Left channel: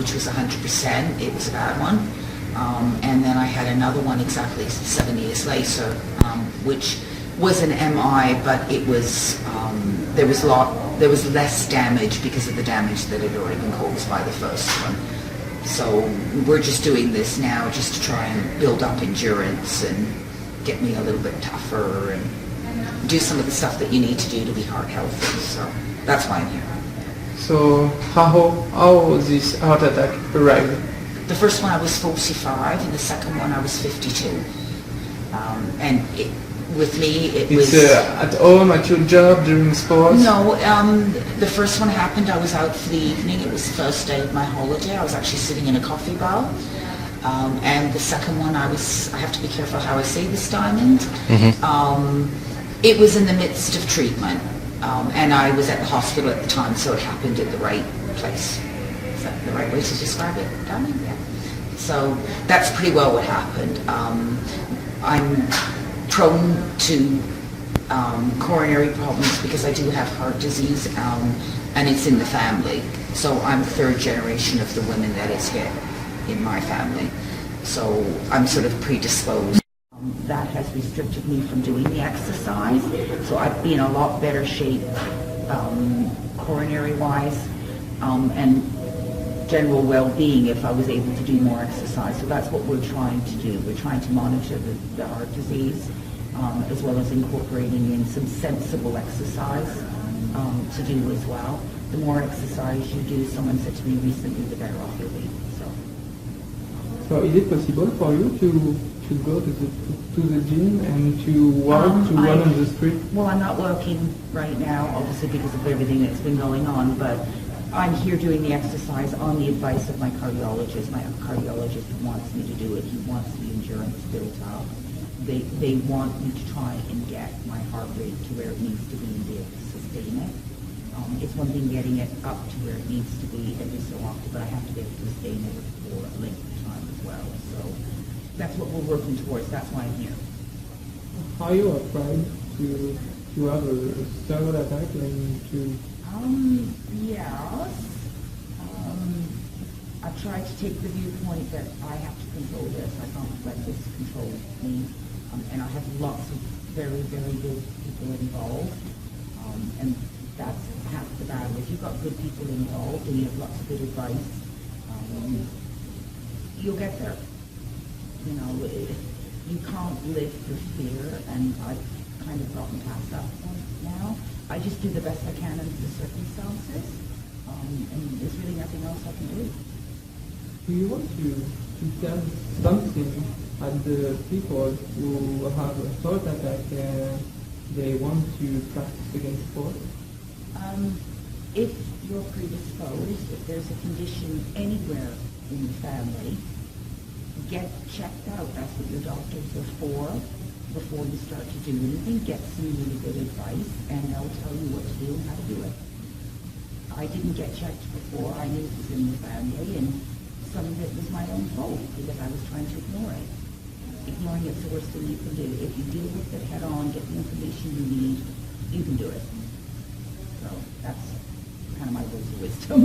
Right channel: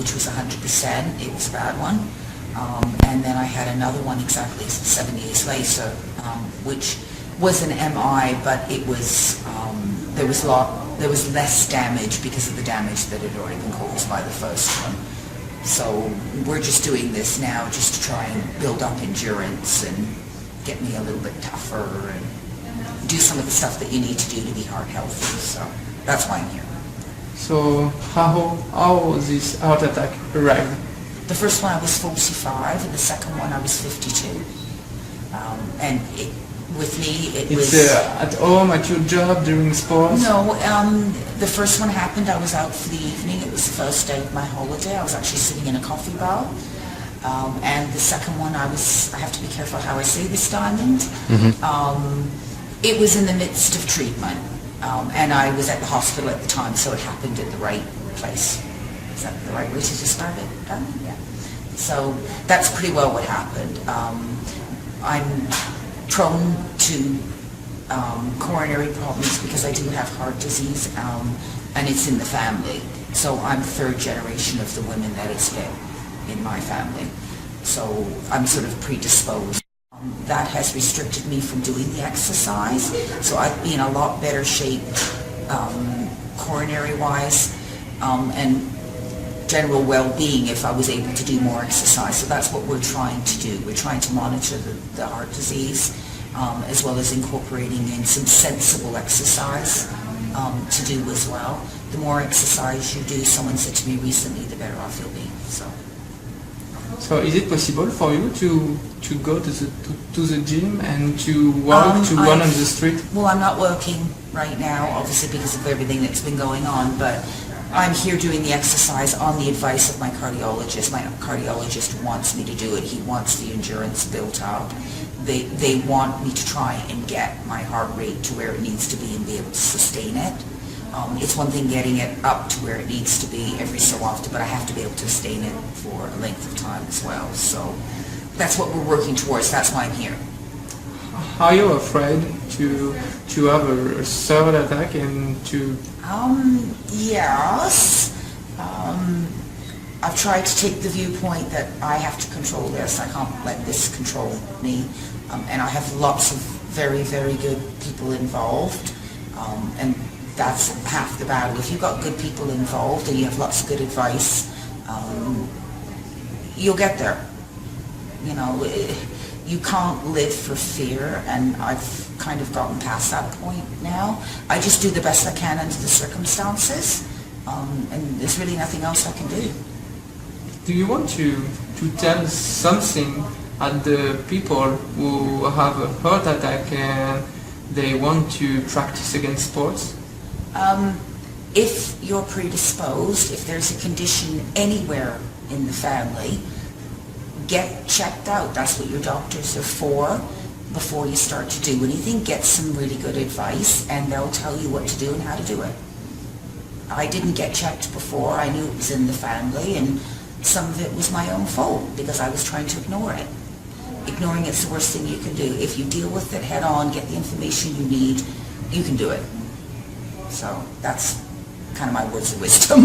which was 100%. It was a bad one. And then I had another one exactly 7 years later, which was an MI, but it was there was less damage because of the damage that had already been caused by the first one. So we're just doing this now just to try and build up endurance and get me a little bit tougher and do some of the stuff that you need to do to be heart healthy. So that's why I'm here. So how this heart attack arrived? The first one I was 45, and the second one I was 52. And with me, it was... at home, at your job, during sports? No, the first one happened, I was out for the evening. It was the first day of my holiday. I was actually sitting in a coffee bar. And the second one, I have to be careful how I say this, Diamond. It was in the midst of treatment. And I was at the hospital at the time, so it happened at the right place. Is that the right way to describe it, Diamond? Yeah. So that's pretty well what happened. I'm prone to coronary problems because I do have heart disease, and it's in the family. So I'm third generation of the women that it's hit in my family. So I'm sort of predisposed. That has restricted me from doing the exercise. So I'd be in a lot better shape coronary-wise and general well-being if I was able to do more exercise. So that's what we're trying to do. We're trying to monitor the heart disease as well as incorporating in some sensible exercise to do as well. The more exercise you do, someone said to me recently, the better off you'll be. So is it possible for you to go to the gym and to walk, to run on the street? Well, I'm not working right now, obviously because of everything that's been going on, but I'm here doing the exercise on the advice of my cardiologist. My cardiologist wants me to do it. He wants the endurance built up. They want me to try and get my heart rate to where it needs to be and be able to sustain it. It's one thing getting it up to where it needs to be every so often, but I have to be able to sustain it for a length of time as well. So that's what we're working towards. That's why I'm here. Are you afraid to have a third attack and to... Yes. I've tried to take the viewpoint that I have to control this. I can't let this control me. And I have lots of very, very good people involved. And that's half the battle. If you've got good people involved and you have lots of good advice, you'll get there. You know, you can't live for fear, and I've kind of gotten past that point now. I just do the best I can under the circumstances, and there's really nothing else I can do. Do you want to tell something at the people who have a heart attack and they want to practice against sports? If you're predisposed, if there's a condition anywhere in the family, get checked out. That's what your doctors are for. Before you start to do anything, get some really good advice and they'll tell you what to do and how to do it. I didn't get checked before. I knew it was in the family, and some of it was my own fault because I was trying to ignore it. Ignoring it's the worst thing you can do. If you deal with it head on, get the information you need, you can do it. So that's kind of my words of wisdom.